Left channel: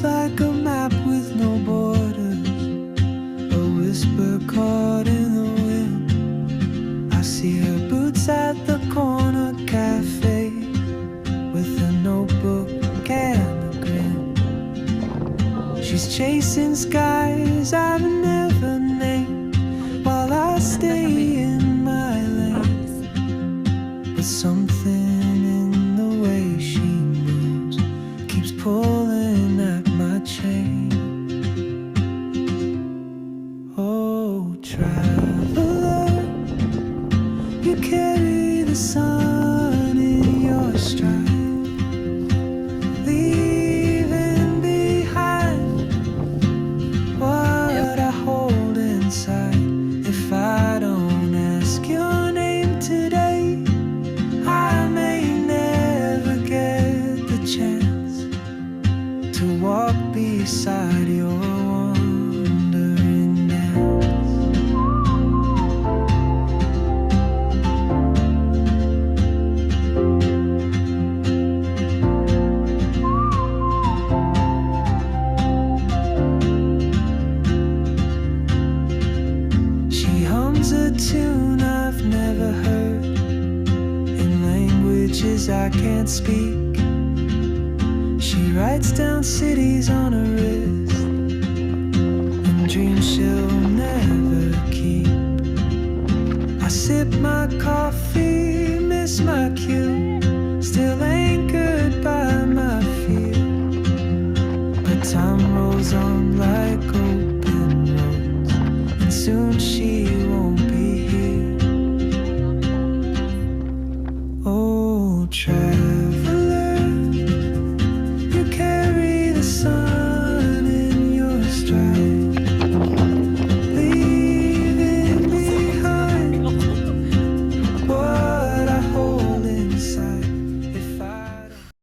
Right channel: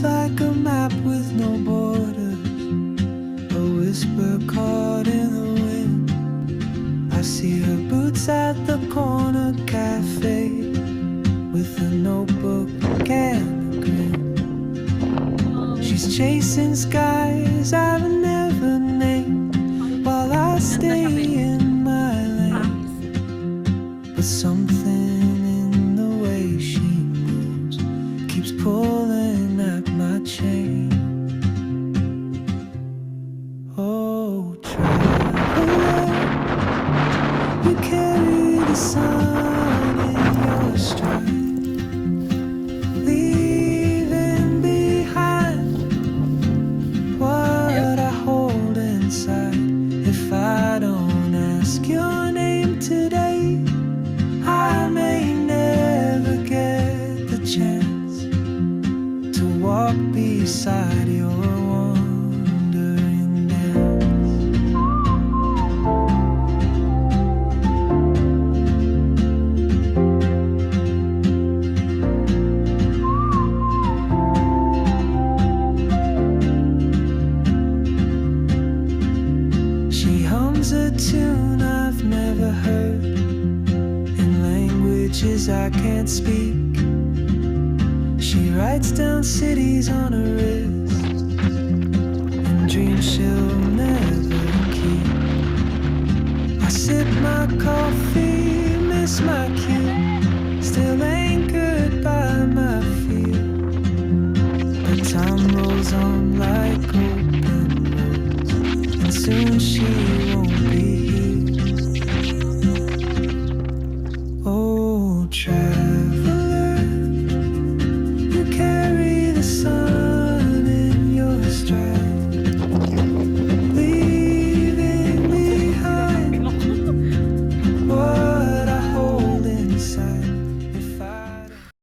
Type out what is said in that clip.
moves like a map with no borders, a whisper caught in the wind. I see her boots at the corner cafe, with a notebook and a grin. She's chasing skies I've never named, while I stay in my lane. But something in the way she moves keeps pulling at my chain. Oh, traveler, you carry the sun in your stride, leaving behind what I hold inside. If I don't ask your name today, I may never get the chance to walk beside your wandering dance. She hums a tune I've never heard, in languages I can't speak. She writes down cities on her wrist, and dreams she'll never keep. I sip my coffee, miss my cue, still anchored by my fear. But time rolls on like open roads, and soon she won't be here. Oh, traveler, you carry the sun